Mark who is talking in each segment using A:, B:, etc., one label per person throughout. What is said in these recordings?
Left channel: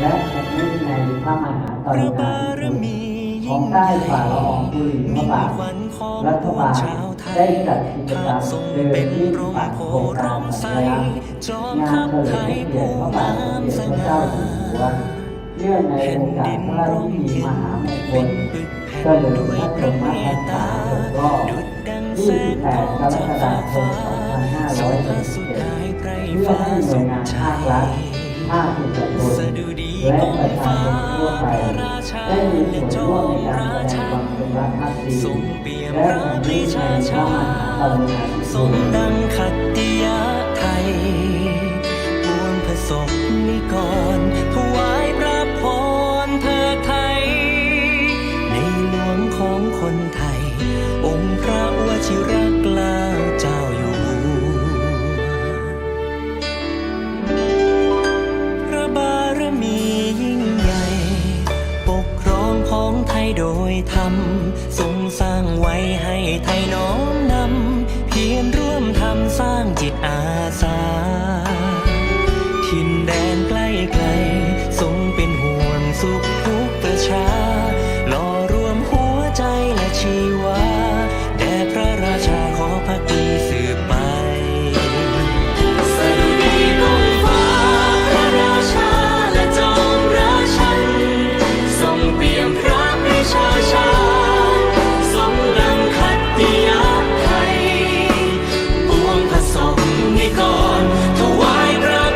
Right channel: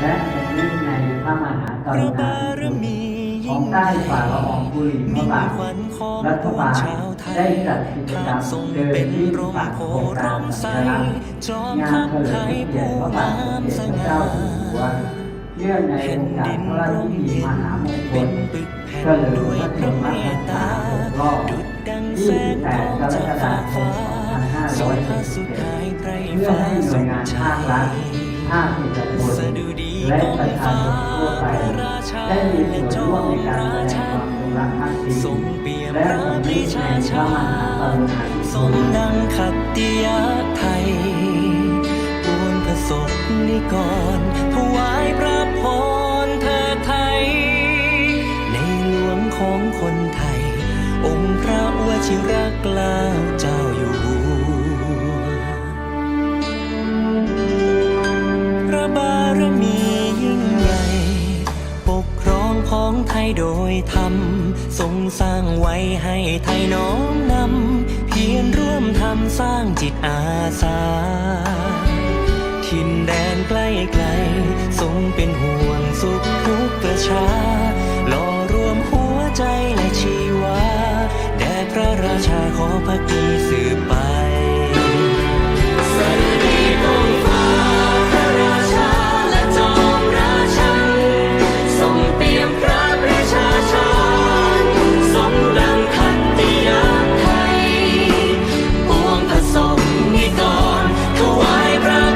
A: และผมนึกในพระมหากรุ
B: ระ
A: ณา
B: บาร
A: ธิคุณ
B: มี
A: ของใต้ฝ่าละอองธุลีพระบาทรัฐบาล
B: ได้
A: จัดกิจกรร
B: ทามทรง
A: เดิน
B: เป็น
A: วิ่
B: ร่ม
A: ปัก
B: โพ
A: โครงการ
B: ร่มใส
A: สัญลักษณ์
B: จอม
A: งา
B: ทั
A: น
B: พ
A: เฉ
B: ไท
A: ลิม
B: ย
A: พระเกียร
B: ผู้
A: ติพระบาท
B: งาม
A: สมเด็จพระ
B: ง่า
A: เจ้าอยู่หัวเนื่องในโอกาส
B: ดิน
A: พระราช
B: ร่ม
A: พิธี
B: เย็
A: ม
B: น
A: หามงค
B: เป็
A: ล
B: นปึกแผ่น
A: เฉลิม
B: ด้วย
A: พระ
B: พ
A: ชน
B: เม
A: พรร
B: ต
A: ษา
B: ตา
A: ครบรอบ
B: ดุจดังแสงทองจากฟากฟ้าสุภาสุดท้ายไพร
A: เพื่อ
B: ฟ้า
A: ให้หน่
B: สุ
A: วย
B: ข
A: งาน
B: ใจ
A: ภาครัฐ ภาคเอกชนและประชาชนทั่วไปได้มีส่วนร่วมในการแสดงความจงรักภักดี
B: ทรงเปี่ยม
A: และ
B: พระปรีชาชาญสมดังขัตติยะไทยปวงผสกนิกรถวายพระพรเธอไทย ในหลวงของคนไทย องค์พระวชิรเกล้าเจ้าอยู่ ของไทยโดยธรรมทรงสร้างไว้ให้ไทยน้อมนำ เพียรร่วมทำสร้างจิตอาสาถิ่นแดนใกล้ไกล ทรงเป็นห่วงสุขทุกประชาหล่อรวมหัวใจและชีวา แด่พระราชาขอพักดีสืบไป สมนิกรถวายพระ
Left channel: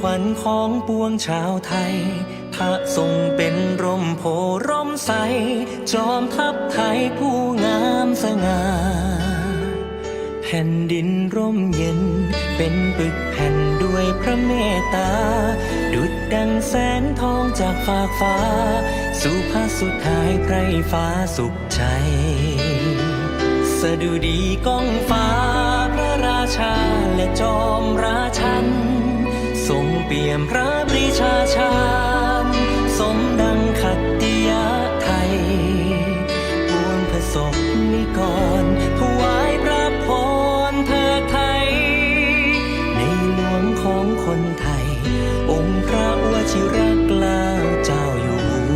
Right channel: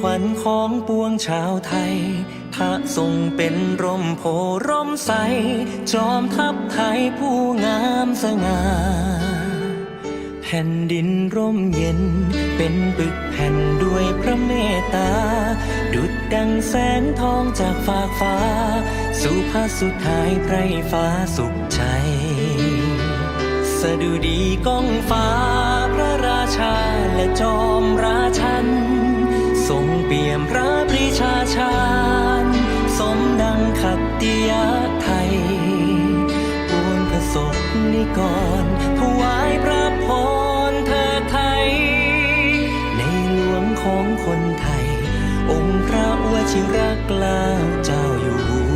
B: ขวัญของปวงชาวไทย พระทรงเป็นร่มโพร่มใส จอมทัพไทยผู้งามสง่า แผ่นดินร่มเย็น เป็นปึกแผ่นด้วยพระเมตตา ดุดดังแสงทองจากฟากฟ้า สู่พระสุดท้ายไพรฟ้าสุขใจ สดุดีกองฟ้าพระราชาและจอมราชัน ทรงเปี่ยมพระปรีชาชาญสมดังขัตติยะไทยปวงผสกนิกรถวายพระพรเธอไทย ในหลวงของคนไทย องค์พระวชิรเกล้าเจ้าอยู่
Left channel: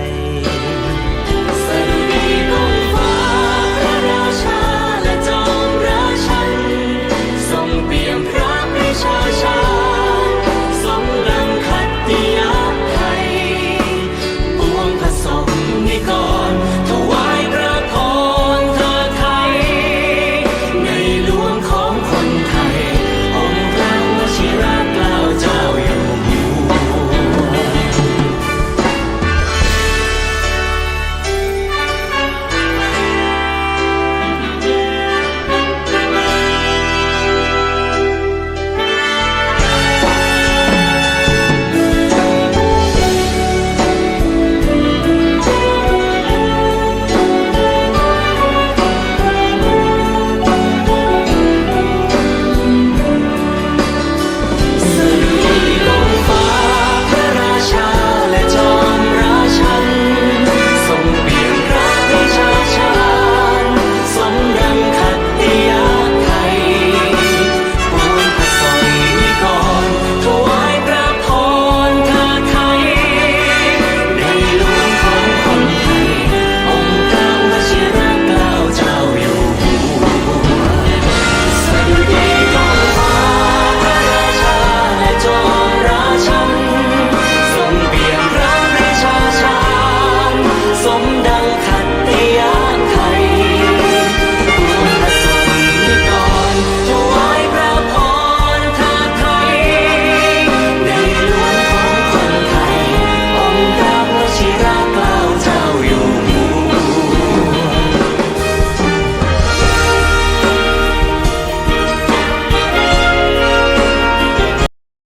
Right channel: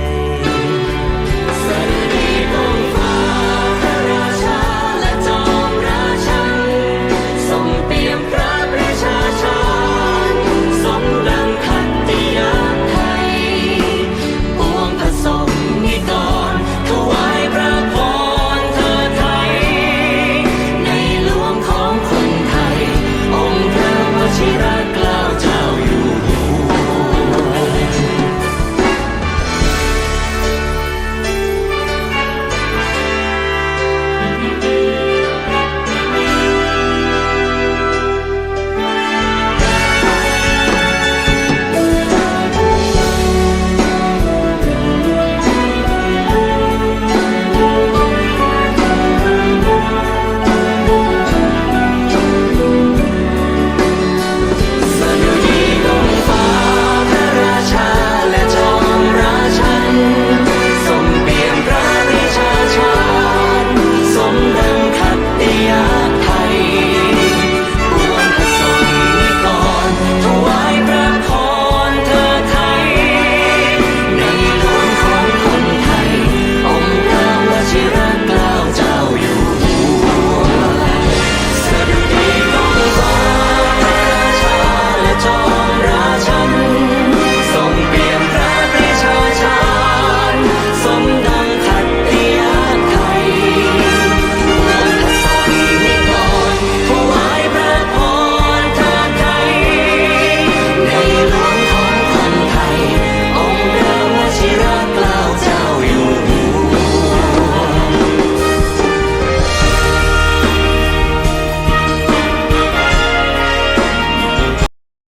B: Chirag.